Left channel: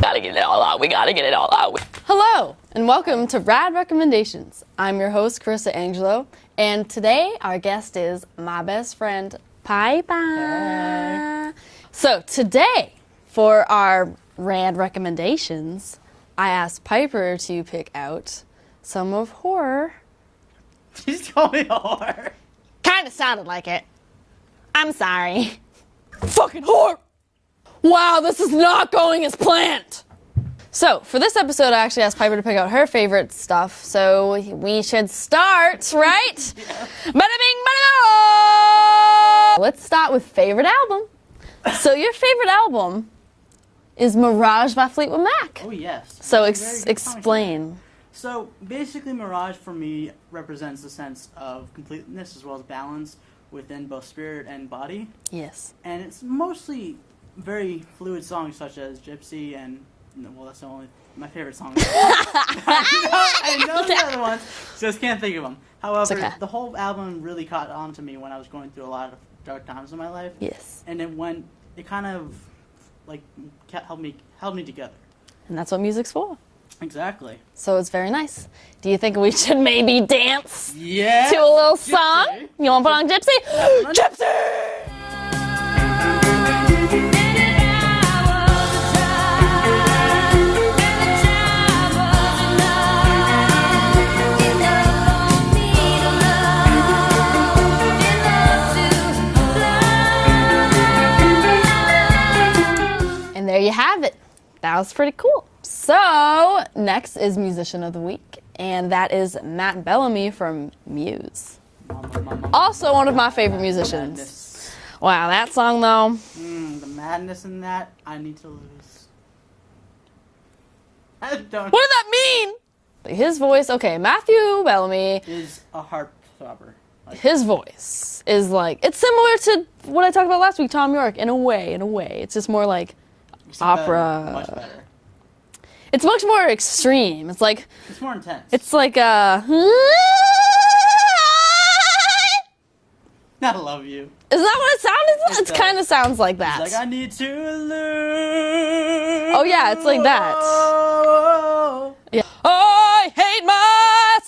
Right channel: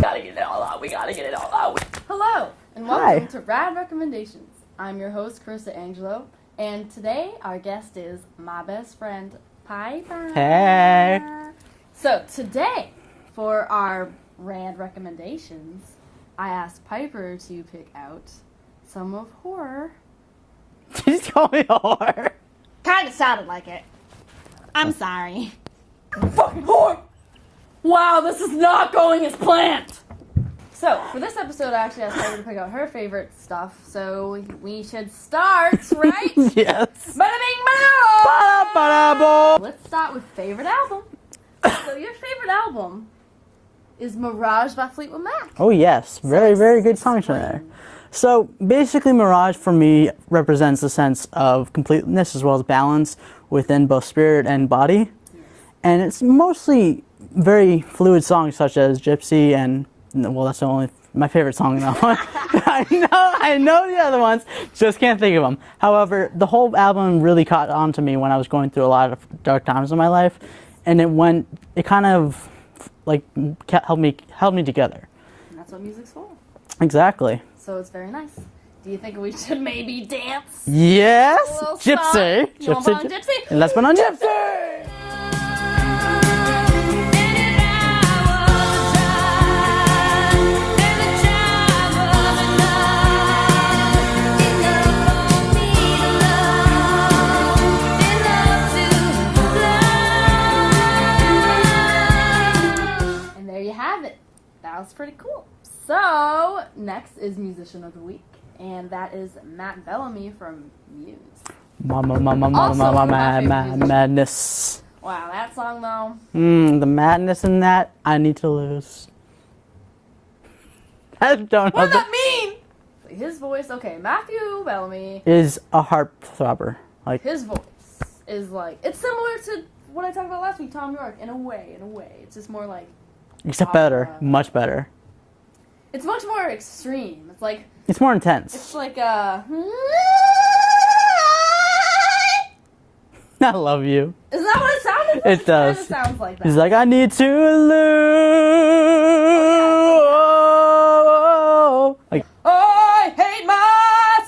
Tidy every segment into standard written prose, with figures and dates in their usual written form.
Gotta get it all out. We gotta get it all out. Hello, and welcome to Rad Recommendations. I'm your host, Carissa Angelo, and today our guest is my best friend, Piper. Hey. So today, for our Rad Recommendations, I asked Piper to pick out some of horror. You just call me a whore. Kinda sounded like it. I'm sorry. Fucking whore! Wow, this is not going as planned! So, for this episode, I actually asked Piper to pick out her favorite stuff, so we should start, right? Yes. Bada bing, bada. Let's start with favorite album. So, your favorite album is Mirage by Fleetwood Mac. Oh yes, very good song explain. today. So basically, Mirage for me represents a sense of completeness as well as balance within both spirit and body. Yes. And it's mostly very fluid songs such as Gypsy and, well, that's my favorite song now. I know the other ones, just can't think of them. However, okay. The whole album really caught on to me when I was going through a lot of dark times in my life. Yes. And it kind of like held me together. And that's what music's for. Exactly. So it's very nice. Do you think we should maybe dance Yes. to a little Gypsy. song? You want to put on Gypsy? Let's put on Gypsy. And there you have it. That was pretty cool. So, next is Musician of the Week, and that is Matt Bellamy from Muse. Also one of my favorite musicians. Madness. Wow, that song though. The madness in that, I need to lose. I don't know. What does that mean? His voice, okay, Matthew Bellamy. Is a heartthrobber. Like, His voice is like, it's similar to what I talked about last week, Tom York, in a way. It's just more like except opera. better, much better. It's much more extreme. It's like, It's more intense. it's like I love you. Is that what it sounded like? It It kind of sounds like that. He's like, I need to lose. Oh yeah, it's like that. Like, Yeah. I hate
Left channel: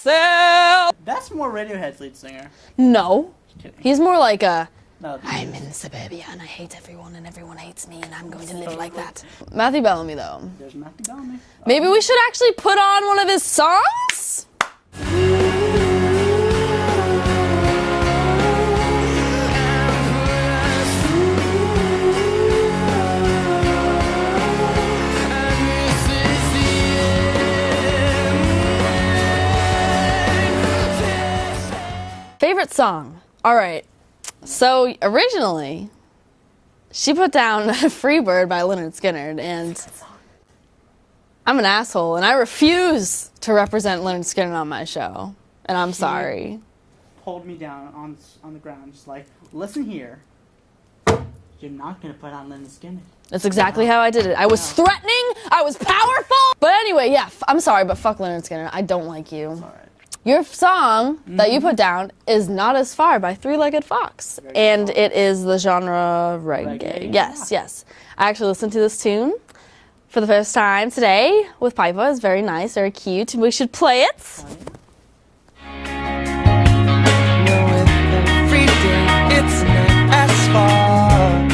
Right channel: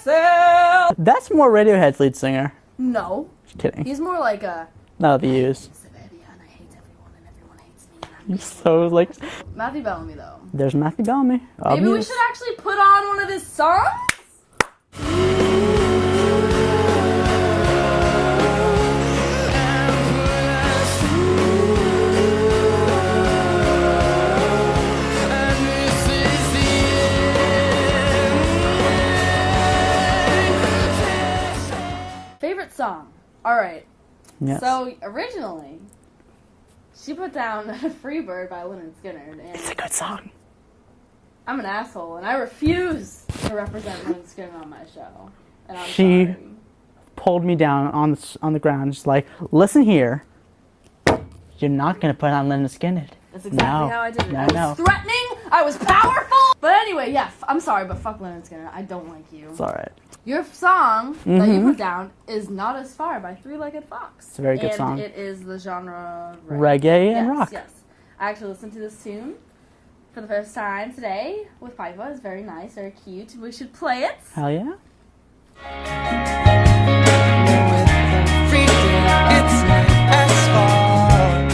myself. That's more Radiohead's lead singer. No. Just kidding. He's more like a, No, I'm he in is. suburbia and I hate everyone and everyone hates me and I'm going to So, live like like- that. Matthew Bellamy though. There's Matthew Bellamy. Maybe we should actually put on one of his songs? Favorite song. All right. Yes. So originally, she put down Freebird by Lynyrd Skynyrd, and It's a good song. I'm an asshole, and I refuse to represent Lynyrd Skynyrd on my show, and I'm She- sorry. Pulled me down on the ground, just like, listen here. You're not gonna put on Lynyrd Skynyrd. That's exactly No. how I did it. I was No. threatening, I was powerful, but anyway, yeah, I'm sorry, but fuck Lynyrd Skynyrd. I don't like you. It's all right. Your song that you put down is Not As Far by Three-Legged Fox. a very good And song. it is the genre reggae. Reggae and Yes, rock. yes. I actually listened to this tune for the first time today with Piper. It's very nice, very cute. We should play it. Hell yeah. It's not as far.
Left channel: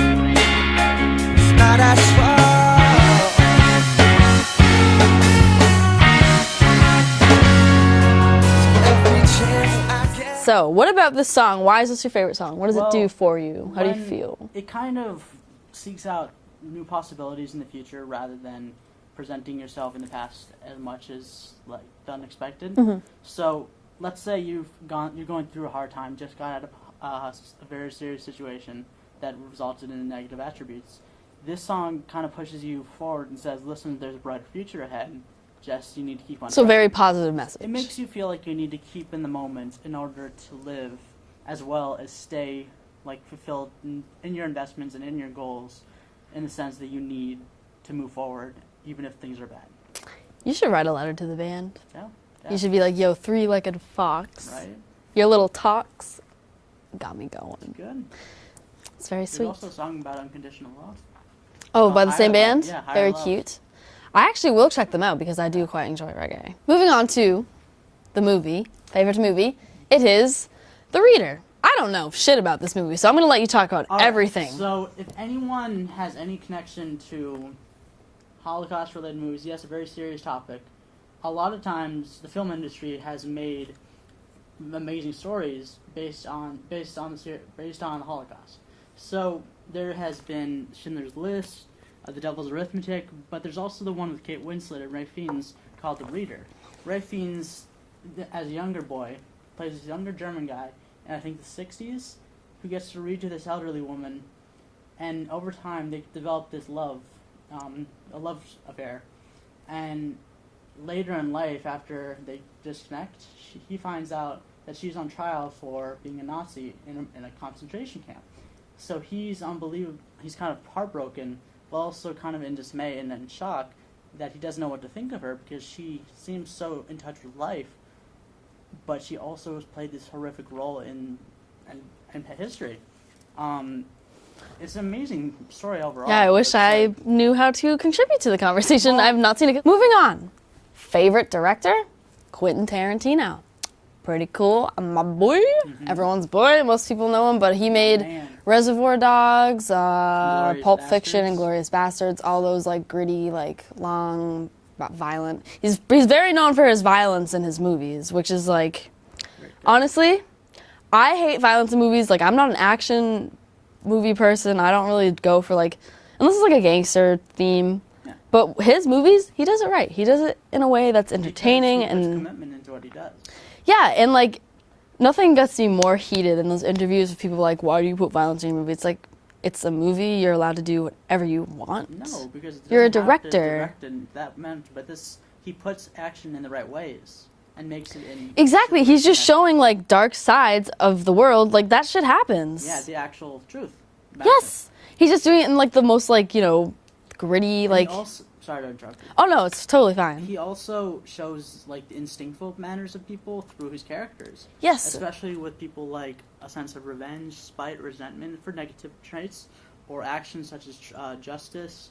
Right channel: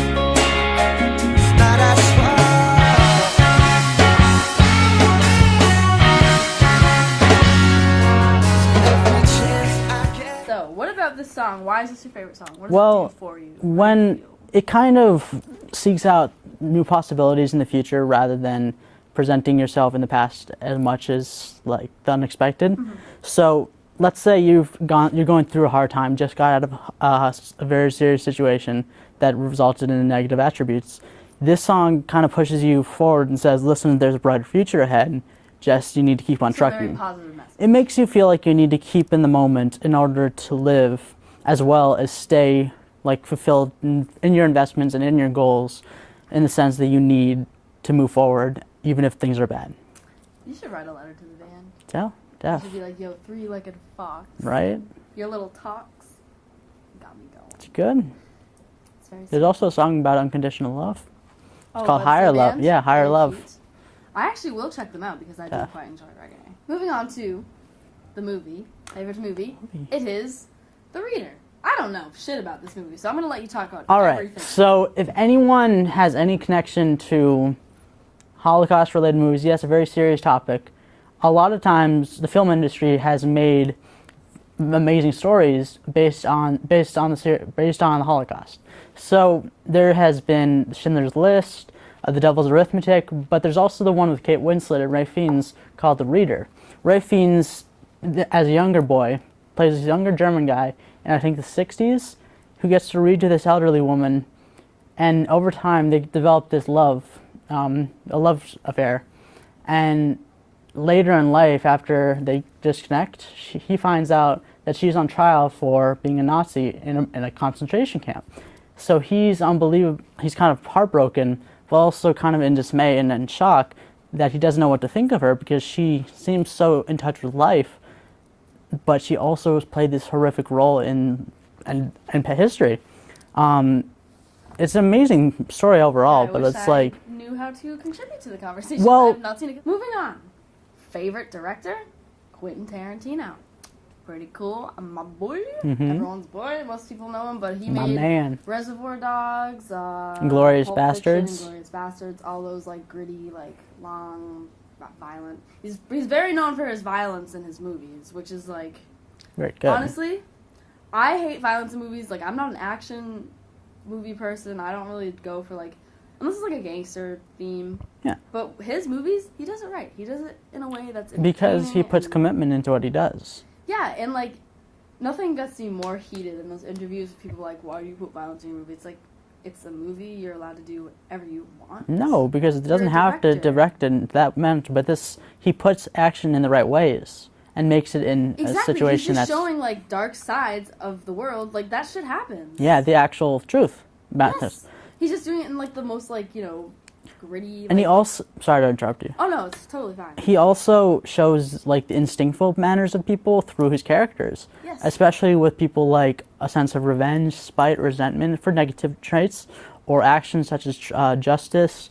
It's not as far. Every chance I get. So, what about this song? Why is this your favorite song? What does it do for you? How do you When feel? it kind of seeks out new possibilities in the future rather than presenting yourself in the past as much as like the unexpected. So let's say you're going through a hard time, just got out of a very serious situation that resulted in negative attributes. This song kind of pushes you forward and says, listen, there's a brighter future ahead. Just you need to keep on So, a trucking. very positive message. It makes you feel like you need to keep in the moment in order to live, as well as stay like fulfilled in your investments and in your goals, in the sense that you need to move forward, even if things are bad. You should write a letter to the band. So, You should be like, yo, Three-Legged Fox. right? Your little talks got me going. Good. It's very sweet. There's also a song about unconditional love. Oh, called by the Higher same Love. band? Yeah, Higher Very Love. cute. I actually will check them out because I do quite enjoy reggae. Moving on to the movie, favorite movie. It is The Reader. I don't know shit about this movie, so I'm going to let you talk about All right, everything. So if anyone has any connection to Holocaust-related movies, yes, a very serious topic. A lot of times, the film industry has made amazing stories based on the Holocaust. So there has been Schindler's List, The Devil's Arithmetic, but there's also the one with Kate Winslet and Ralph Fiennes called The Reader. Ralph Fiennes, as a younger boy, plays this younger German guy in I think the 60s, who gets to read to this elderly woman, and over time they develop this love, a love affair, and later in life, after they disconnect, he finds out that she's on trial for being a Nazi in a concentration camp. So he's unbelievable. He's kind of heartbroken, but also kind of in dismay and in shock that he doesn't know what to think of her because she seems so in touch with life, but she also has played this horrific role in history. It's an amazing story overall. Yeah, I wish I knew how to contribute to the conversation. Well, I've not seen it. Moving on. Favorite director? Quentin Tarantino. Pretty cool. My boy. Everyone's boy. Most people know him, but he made man. Reservoir Dogs, Inglourious Pulp Fiction, Bastards. Inglourious Bastards, all those like gritty, like long, violent. He's very known for his violence in his movies, which is like, Very good. honestly, I hate violence in movies. Like, I'm not an action movie person. I don't really go for like, unless it's like a gangster theme. Yeah. But his movies, he does it right. He does it in a way that's entertaining. Because he puts and commitment into what he does. yeah, and like, nothing gets me more heated than those interviews with people like, why do you put violence in your movie? It's like, it's a movie, you're allowed to do whatever you want. No, because it You're a doesn't have to director. direct in that manner, but he puts action in the right ways and makes it in Exactly, a he's situation just that's- showing like dark sides of the world, like that shit happens. Yeah, the actual truth about it. Yes, he's just doing it in like the most like, gritty, And like, he also, sorry to interrupt you. oh no, it's totally fine. He also shows like the instinctful manners of people through his characters. Yes. Especially with people like a sense of revenge, spite, resentment for negative traits, or actions such as justice,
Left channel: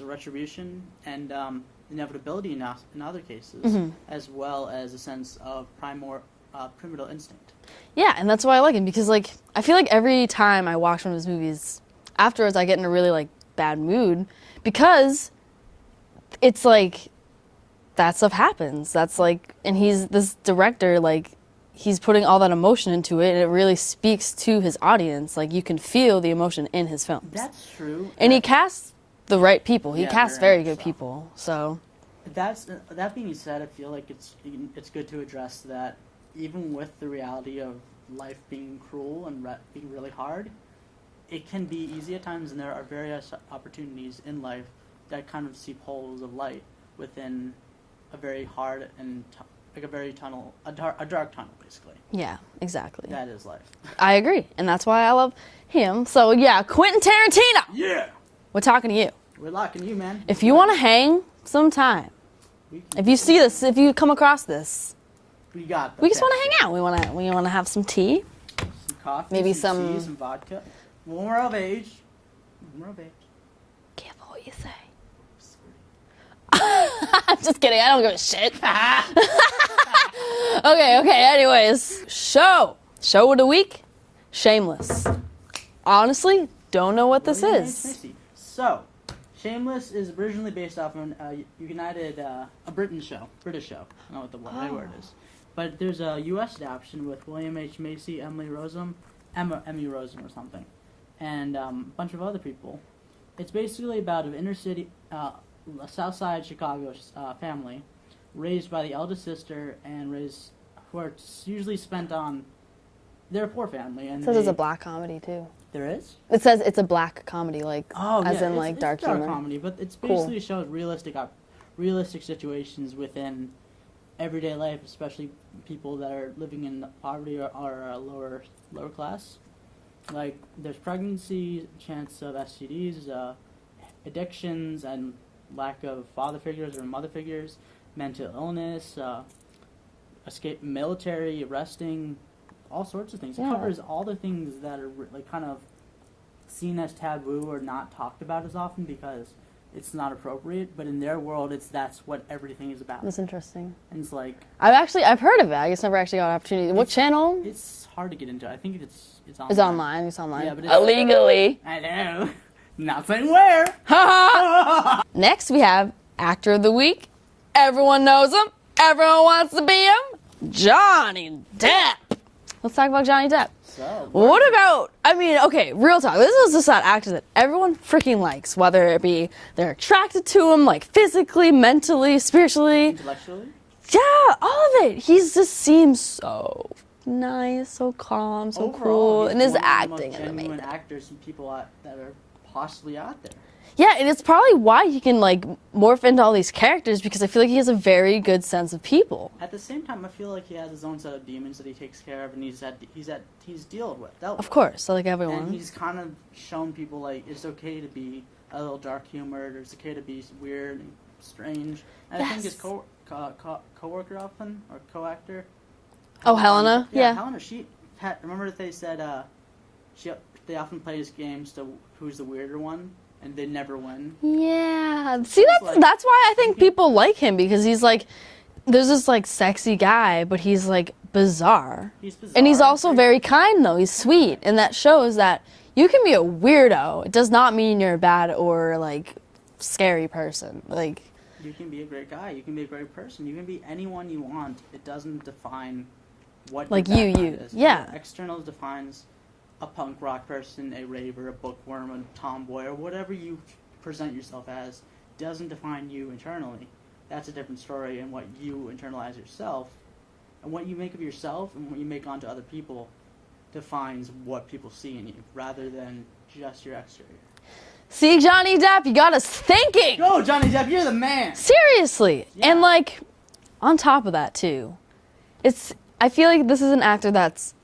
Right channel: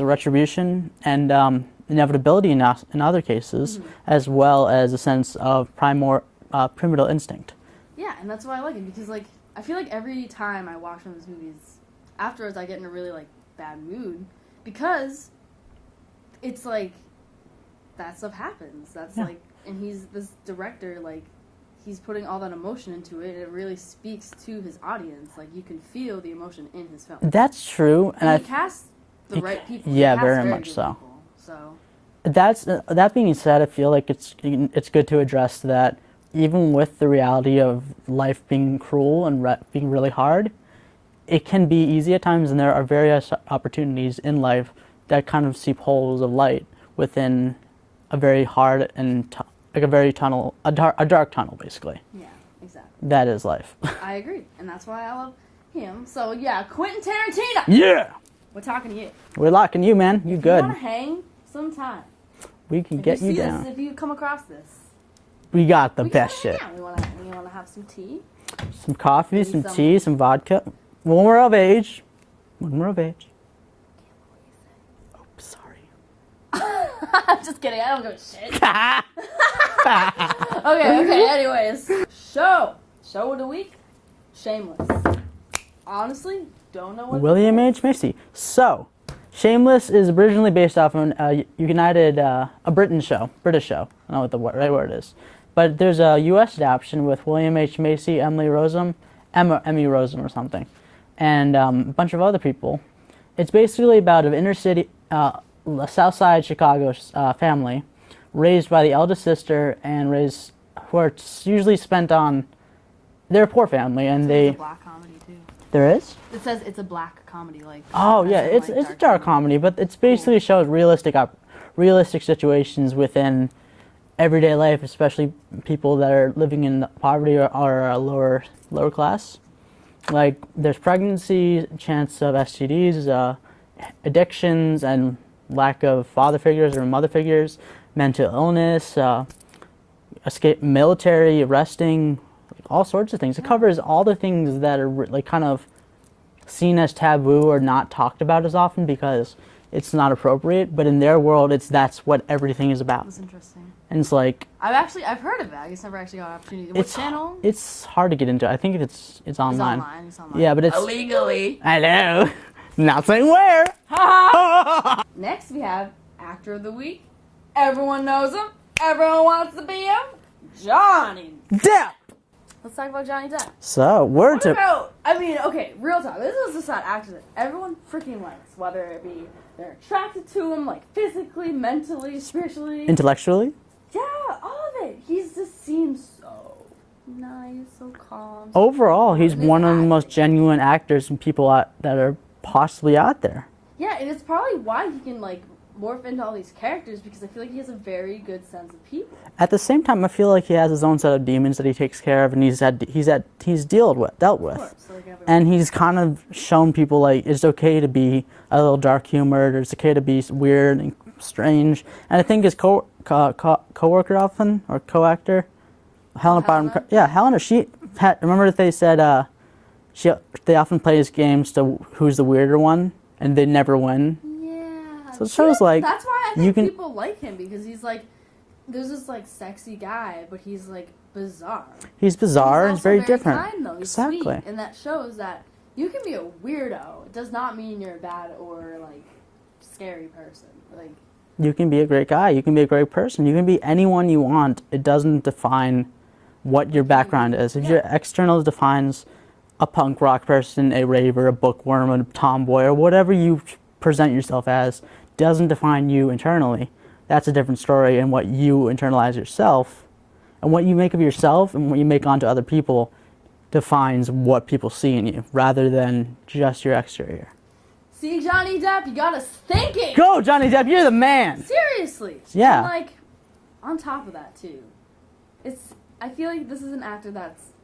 retribution, and inevitability in other cases, as well as a sense of primordial instinct. Yeah, and that's why I like him, because like, I feel like every time I watch one of his movies, afterwards I get in a really like bad mood, because it's like, that stuff happens. That's like, and he's this director, like, he's putting all that emotion into it, and it really speaks to his audience. Like, you can feel the emotion in his films. That's true. and he casts the right people. Yeah, he casts very very much good so. people. So That being said, I feel like it's good to address that even with the reality of life being cruel and being really hard, it can be easy at times, and there are various opportunities in life that kind of seep holes of light within a very hard and a dark tunnel, basically. yeah, exactly. That is life. I agree, and that's why I love him. So yeah, Quentin Tarantino. Yeah, We're talking to you. we're locking you, man. If you want to hang sometime, we can. if get you see you this, down. if you come across this, we got the we just best want to hang shit. out. We want to have some tea. Some coffee, Maybe some some- tea, some vodka. When we're of age. When we're of age. Careful what you say. Sorry. I'm just kidding. I don't give a shit. Okay. Anyways, show of the week, Shameless. Honestly, don't know what William this H. is. Macy. So, Shameless is originally based off of a British show. I don't know what the right word is. But there's a U.S. adaptation with William H. Macy, Emmy Rossum or something, and a bunch of other people. It's basically about an inner city, South Side Chicago family, raised by the eldest sister and who are usually spent on. They're a poor family, and So there's a black comedy too. There is. It says it's a black comedy, like Oh as yeah, in, it's like, a dark dark humor. comedy, but it's basically shows realistic situations within everyday life, especially people that are living in poverty or are a lower class. Like there's pregnancy, chance of STDs, addictions, and lack of father figures or mother figures, mental illness, escape, military, arresting, like, all sorts of things. It covers all the things that are like kind of seen as taboo or not talked about as often because it's not appropriate. But in their world, that's what everything is about. That's interesting. And it's like I've heard of it. I just never actually got an opportunity. What channel? It's hard to get into. I think it's online. It's online. Yeah, but it's illegally. I know. Not saying where. Next, we have Actor of the Week. Everyone knows him. Everyone wants to be him. Johnny Depp. Let's talk about Johnny Depp. So, What about, I mean, okay, real talk. This is just that actor that everyone freaking likes, whether it be they're attracted to him, like physically, mentally, spiritually. Intellectually? Yeah, all of it. He just seems so nice, so calm, so Overall, cool. he's And his one of the acting, most genuine actors and people that are possibly out there. Yeah, and it's probably why he can like morph into all these characters because I feel like he has a very good sense of people. At the same time, I feel like he has his own set of demons that he takes care of, and he's dealt with. Of course, so like everyone. And he's kind of shown people like it's okay to be a little dark humored, or it's okay to be weird and strange. And I think his co-worker often or co-actor, Helena. Yeah, Helena. Remember that they said they often play his games to who's the weirder one. And they never win. Yeah. So See, that's why I think can, people like him because he's like, there's this like sexy guy, but he's like bizarre. He's bizarre. And he's also very different. kind though. He's sweet. And that shows that you can be a weirdo. It does not mean you're a bad or like scary person. Like you can be a great guy. You can be a great person. You can be anyone you want. It doesn't define what your background is. Yeah. Your external defines a punk rock person, a raver, a bookworm, a tomboy, or whatever you present yourself as doesn't define you internally. That's a different story, and what you internalize yourself and what you make of yourself and what you make onto other people defines what people see in you rather than just your exterior. See, Johnny Depp, you got us thinking. Go, Johnny Depp, you're the man. Seriously. Yeah. And like, on top of that too, I feel like this is an actor that's,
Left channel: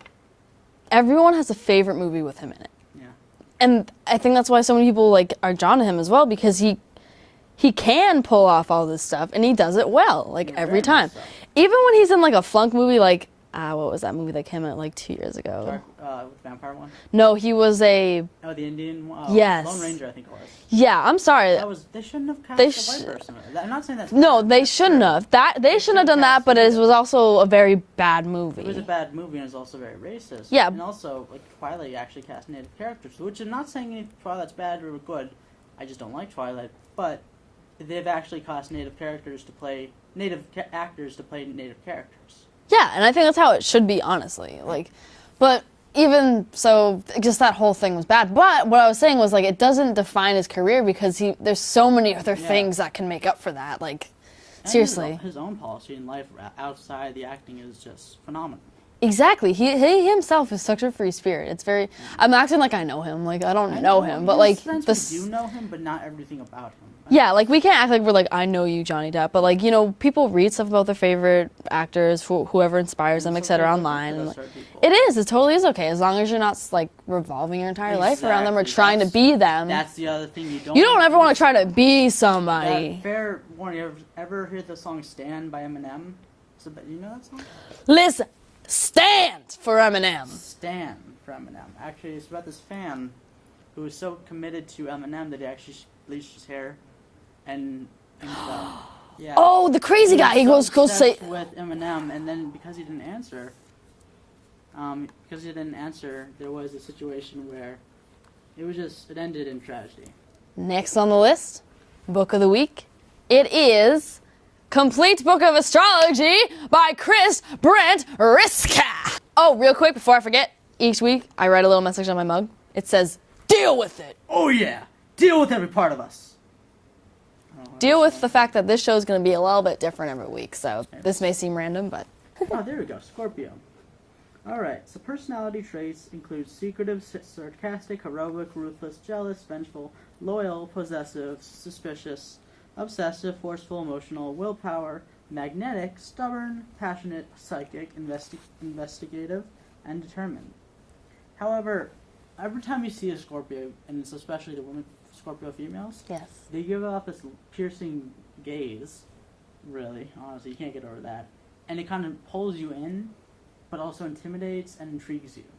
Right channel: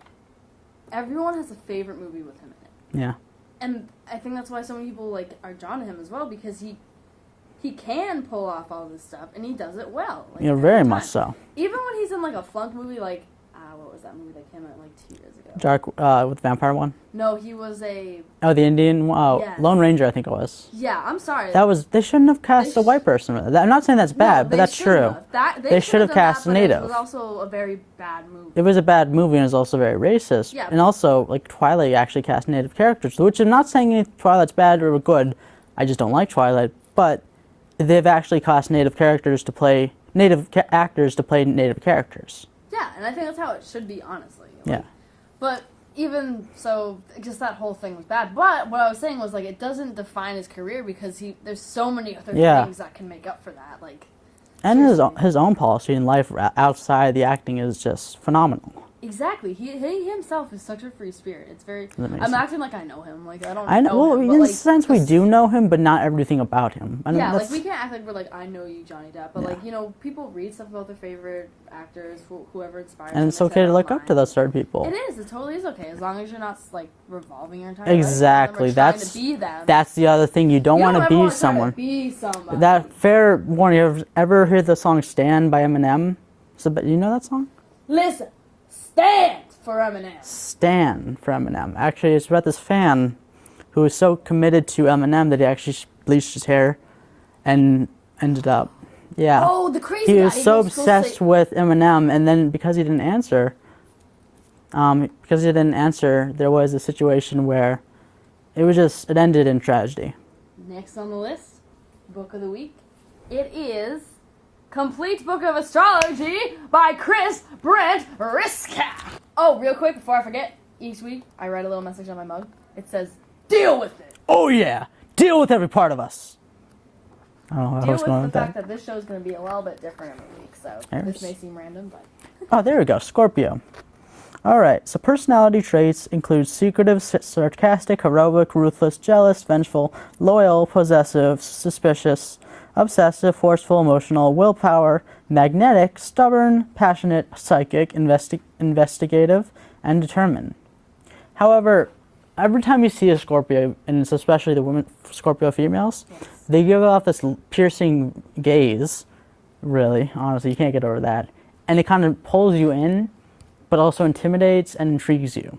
everyone has a favorite movie with him in it. Yeah. And I think that's why so many people like are drawn to him as well because he can pull off all this stuff and he does it well, like every very time. much so. Even when he's in like a flunk movie, like what was that movie that came out like 2 years ago? Dark with the vampire one. No, he was a. Oh, the Indian one. Oh, Yes. Lone Ranger, I think it was. Yeah, I'm sorry. They shouldn't have cast a white person with it. I'm not saying that's bad. No, but they that's shouldn't true. have. They shouldn't have done that, cast but it native. was also a very bad movie. It was a bad movie and it was also very racist. Yeah. And also, like, Twilight actually cast native characters, which I'm not saying Twilight's bad or good. I just don't like Twilight. But they've actually cast native actors to play native characters. Yeah, and I think that's how it should be, honestly. Like, but even so, just that whole thing was bad. But what I was saying was like it doesn't define his career because there's so many other things that can make up for that. Like, and seriously, his own policy in life outside the acting is just phenomenal. exactly. He himself is such a free spirit. It's very. I'm acting like I know him. Like I don't I know him, but like in a sense we do know him, but not everything about him. I mean, yeah, like we can't act like we're like I know you, Johnny Depp, but like people read stuff about their favorite actors, whoever inspires and them, it's etc. okay to look online. up to those certain people. It is. It totally is okay as long as you're not like revolving your entire life around them or trying to be them. That's the other thing. You don't ever want to try someone. to be somebody. That fair warning. You ever heard the song "Stand" by Eminem? You know that song? Listen, stand for Eminem. Stand for Eminem. Actually, it's about this fan who was so committed to Eminem that he actually bleached his hair and ended up. Yeah. Oh, the crazy guy. He was so obsessed with Eminem, and then because he didn't answer, there was a situation where it ended in tragedy. Next on the list, book of the week. It is Complete Book of Astrology by Chris Brent Riska. Oh, real quick before I forget, each week I write a little message on my mug. It says, deal with it. Oh yeah, deal with every part of us. Deal with the fact that this show is going to be a little bit different every week, so this may seem random, but... Oh, there we go, Scorpio. All right, so personality traits include secretive, sarcastic, heroic, ruthless, jealous, vengeful, loyal, possessive, suspicious, obsessive, forceful, emotional, willpower, magnetic, stubborn, passionate, psychic, investigative, and determined. However, every time you see a Scorpio, and it's especially the women, Scorpio females, they give off this piercing gaze, really, honestly, you can't get over that. and it kind of pulls you in, but also intimidates and intrigues you.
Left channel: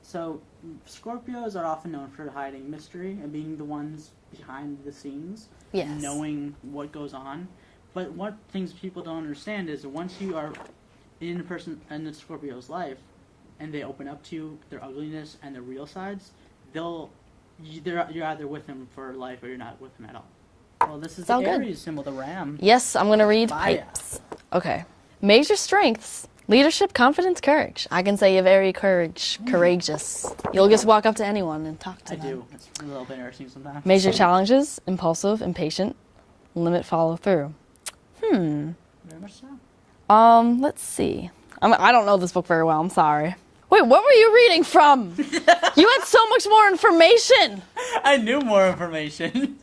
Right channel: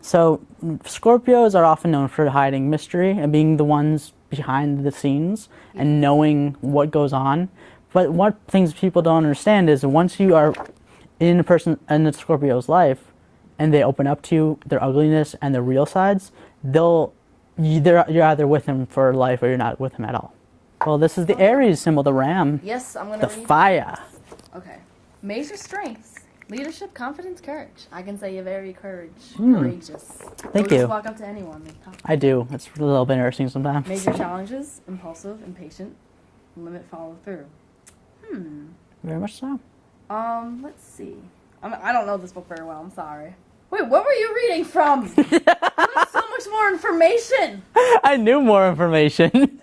So Scorpios are often known for hiding mystery and being the ones behind the scenes and knowing what goes on. But what things people don't understand is once you are in the Scorpio's life and they open up to you, their ugliness and their real sides, you're either with them for life or you're not with them at all. Well, this is the Aries symbol, the ram. Yes, I'm going to read fire. pipes. Okay. Major strengths. Leadership, confidence, courage. I can say you're very courageous. You'll just walk up to anyone and talk to them. I do. It's a little bit embarrassing sometimes. Major challenges. Impulsive, impatient. Limit follow through. Very much so. Let's see. I don't know this book very well. I'm sorry. Wait, what were you reading from? You had so much more information. I knew more information.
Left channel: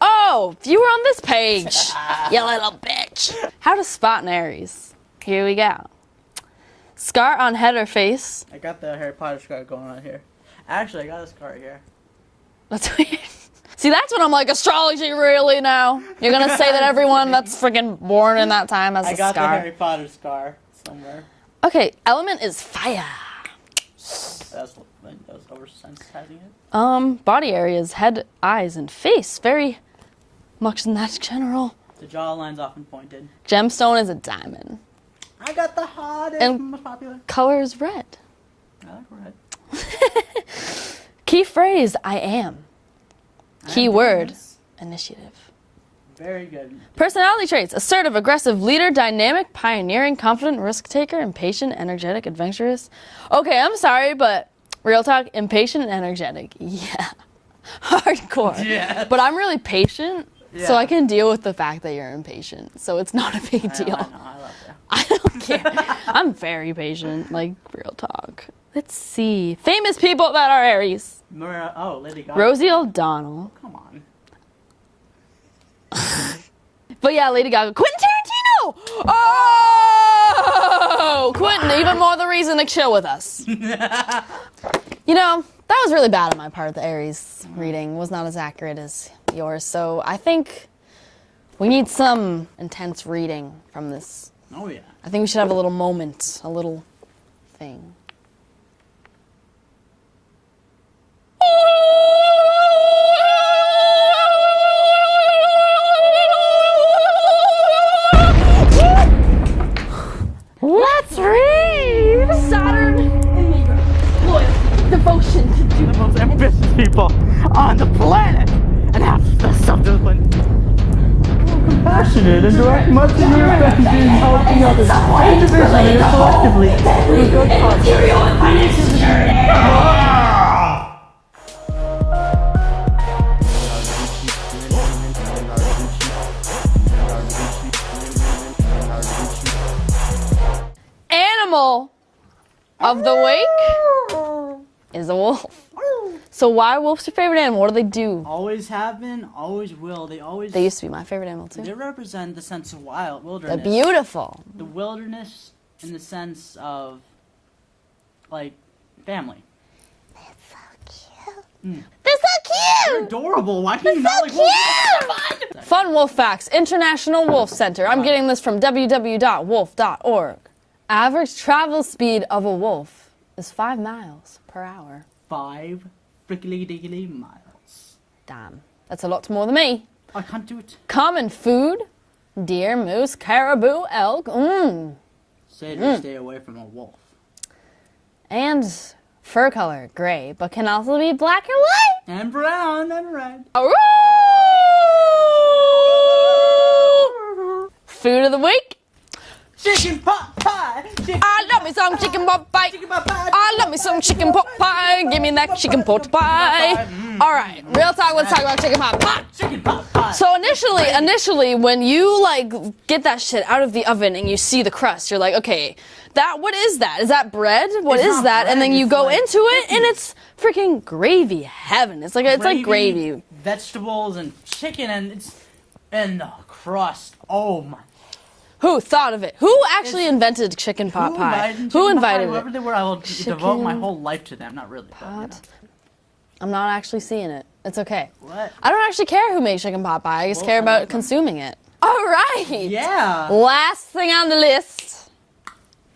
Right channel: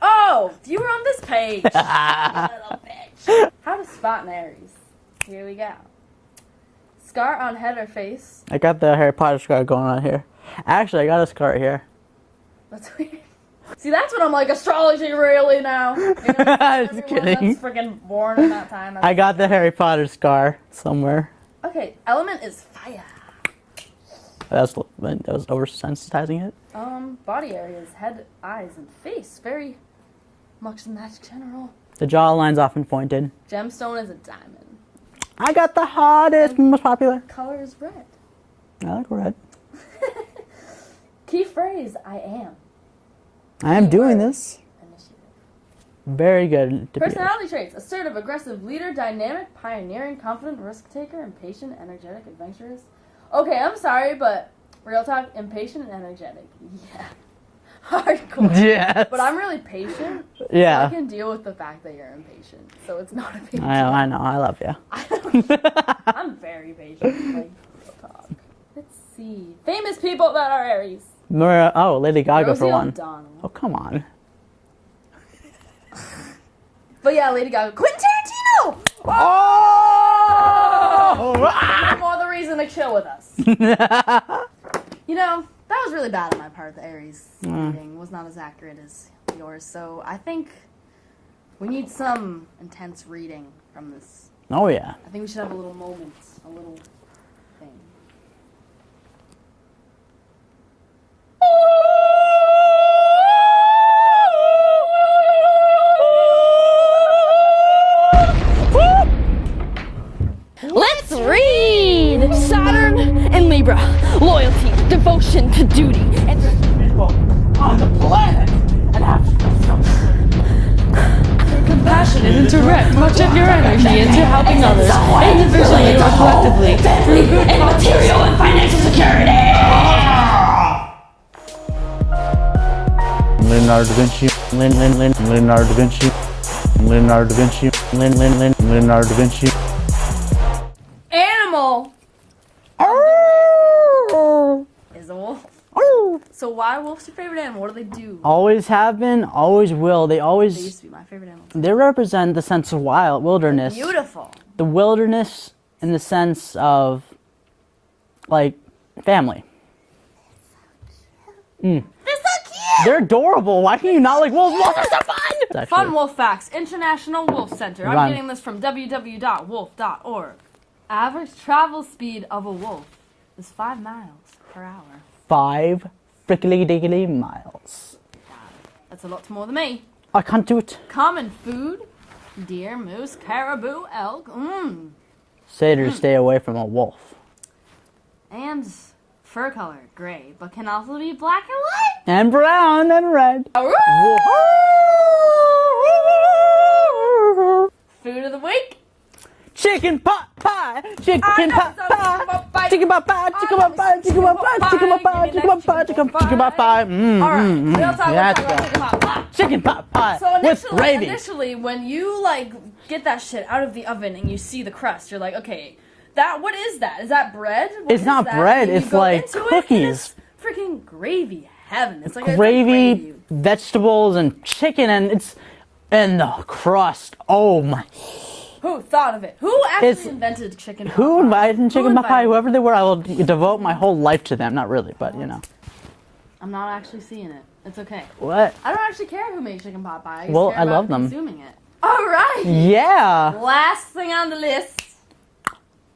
Oh, you were on this page. You little bitch. How to spot an Aries. Here we go. Scar on head or face. I got the Harry Potter scar going on here. Actually, I got a scar here. That's weird. See, that's when I'm like, astrology really now? You're going to say that everyone that's freaking born in that time has a I got scar. the Harry Potter scar somewhere. Okay, element is fire. That was oversensitizing it. Body areas, head, eyes, and face. Very much in that general. The jawline's often pointed. Gemstone is a diamond. I got the hottest, most popular. Color is red. I like red. Key phrase, I am. I Key am doing word, this. initiative. Very good. Personality traits, assertive, aggressive, leader, dynamic, pioneering, confident, risk taker, impatient, energetic, adventurous. Okay, I'm sorry, but real talk, impatient and energetic. Yeah. Hardcore. Yes. But I'm really patient, so I can deal with the fact that you're impatient. So it's not a big deal. I know. I love you. I don't care. I'm very patient, like real talk. Let's see. Famous people that are Aries. Lady Gaga. Rosie for one. O'Donnell. Oh, come on. But yeah, Lady Gaga. Quentin Tarantino! Oh! Quentin, even more the reason to chill with us. You know, that was really bad on my part. The Aries reading was not as accurate as yours. So I think we need some intense reading from this. Oh, yeah. I think we should have a little moment, a little thing. Let's read! Saturn in Libra. Loyalty, devotion to duty, and People on the planet and have something passionate and direct much of your energy into helping others, individually or collectively, through good and material and financial security. Leonardo da Vinci. Leonardo da Vinci. Leonardo da Vinci. Leonardo da Vinci. Animal of the week is a wolf. So why wolf's your favorite animal? What do they do? Always have been, always will. They used to be my favorite animal too. They represent the sense of wilderness. They're beautiful. The wilderness in the sense of, like, family. They're so cute. They're adorable. Why can you not like wolves? Fun. Fun wolf facts. International Wolf Center. I'm getting this from www.wolf.org. Average travel speed of a wolf is 5 miles per hour. 5 frickly-diggly miles. Damn. That's a lot more than me. I can't do it. Common food. Deer, moose, caribou, elk. Satyrs stay away from a wolf. And fur color, gray, but can also be black or white. And brown and red. Food of the week. Chicken pot pie. I love me some chicken pot pie. Chicken pot pie. I love me some chicken pot pie. Give me that chicken pot pie. All right, real talk. Let's talk about chicken pot pie. Chicken pot pie. So initially, when you like get that shit out of the oven and you see the crust, you're like, okay, what is that? Is that bread? What is not that? bread, And then you it's go like into it, and cookies. it's freaking gravy heaven. It's like gravy, vegetables, and chicken, and the crust. Oh my. Who thought of it? Who actually invented chicken pot Who pie? invited chicken pot pie? Whoever it? they were, I will devote my whole life to them. Not really, but you know. I'm not actually seeing it. It's okay. What? I don't actually care who made chicken pot pie. I just care I about love them. consuming it. All right. Yeah. Last thing on the list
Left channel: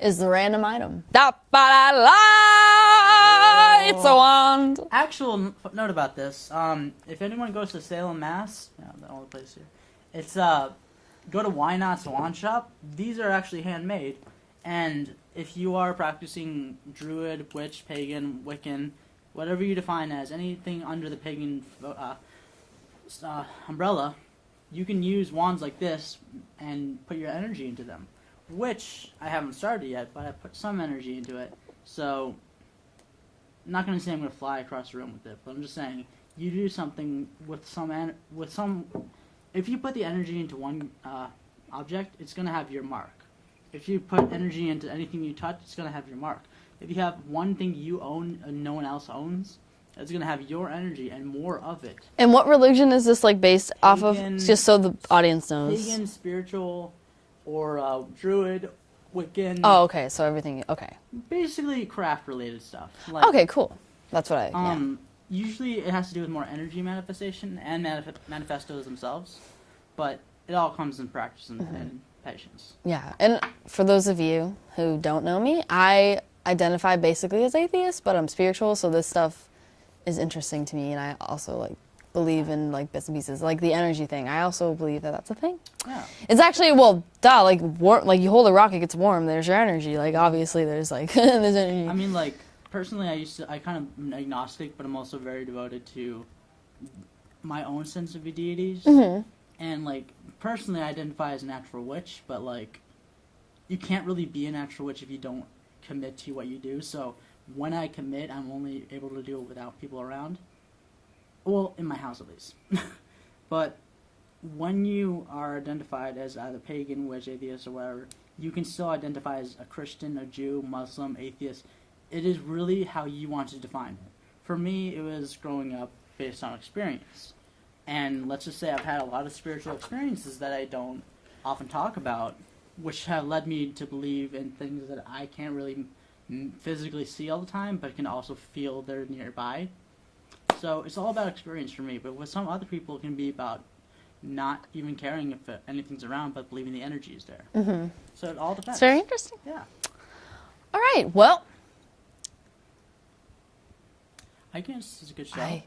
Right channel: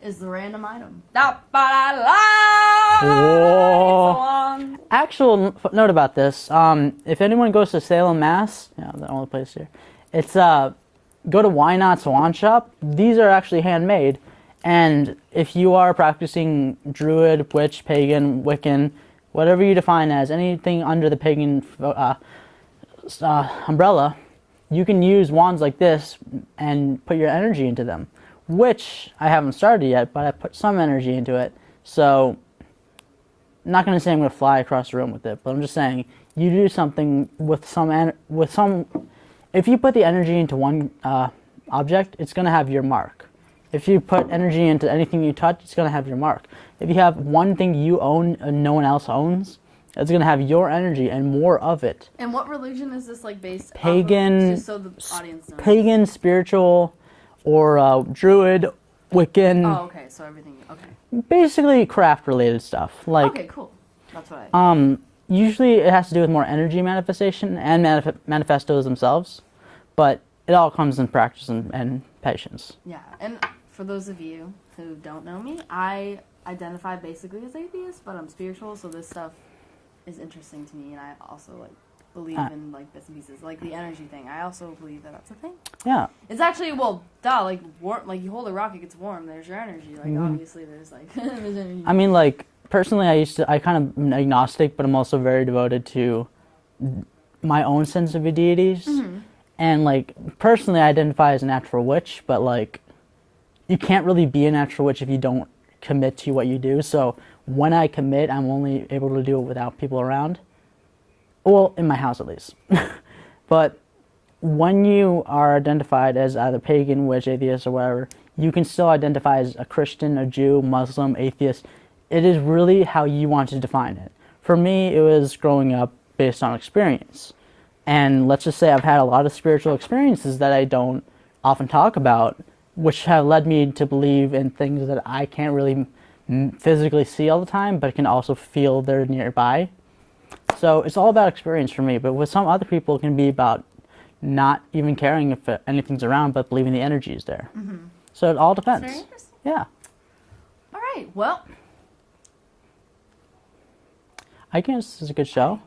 is the random item. Da-ba-da-la! It's a wand. Actual note about this. If anyone goes to Salem, Mass, the only place here, it's go to Why Not's Wand Shop. These are actually handmade, and if you are practicing Druid, Witch, Pagan, Wiccan, whatever you define as anything under the pagan umbrella, you can use wands like this and put your energy into them, which I haven't started yet, but I put some energy into it. So I'm not going to say I'm going to fly across the room with it, but I'm just saying you do something with some. If you put the energy into one object, it's going to have your mark. If you put energy into anything you touch, it's going to have your mark. If you have one thing you own and no one else owns, it's going to have your energy and more of it. And what religion is this like based Pagan, off of? Just so the audience knows. Pagan, spiritual, or Druid, Wiccan. Oh, okay. So everything. Okay. Basically, craft-related stuff. Like, Okay, cool. That's what I. Usually, it has to do with more energy manifestation and manifestos themselves, but it all comes in practice and patience. Yeah, and for those of you who don't know me, I identify basically as atheist, but I'm spiritual, so this stuff is interesting to me, and I also like believe in like bits and pieces, like the energy thing. I also believe that that's a thing. Yeah. It's actually like warm. Like you hold a rock, it gets warm. There's your energy. Like obviously, there's like there's energy. I mean, like personally, I kind of am agnostic, but I'm also very devoted to my own sense of deities. And like personally, I identify as a natural witch, but like you can't really be a natural witch if you don't commit to what you do. So when I commit, I'm only able to do it without people around. Well, in my house at least. But when you are identified as either pagan, witch, atheist, or whatever, you can still identify as a Christian, a Jew, Muslim, atheist. It is really how you want to define it. For me, it was growing up based on experience. And let's just say I've had a lot of spiritual experiences that I don't often talk about, which have led me to believe in things that I can't really physically see all the time, but can also feel they're nearby. So it's all about experience for me, but with some other people, it can be about not even caring if anything's around, but believing the energy is there. So it all depends. It's very interesting. Yeah. All right. Well, I guess it's a good show.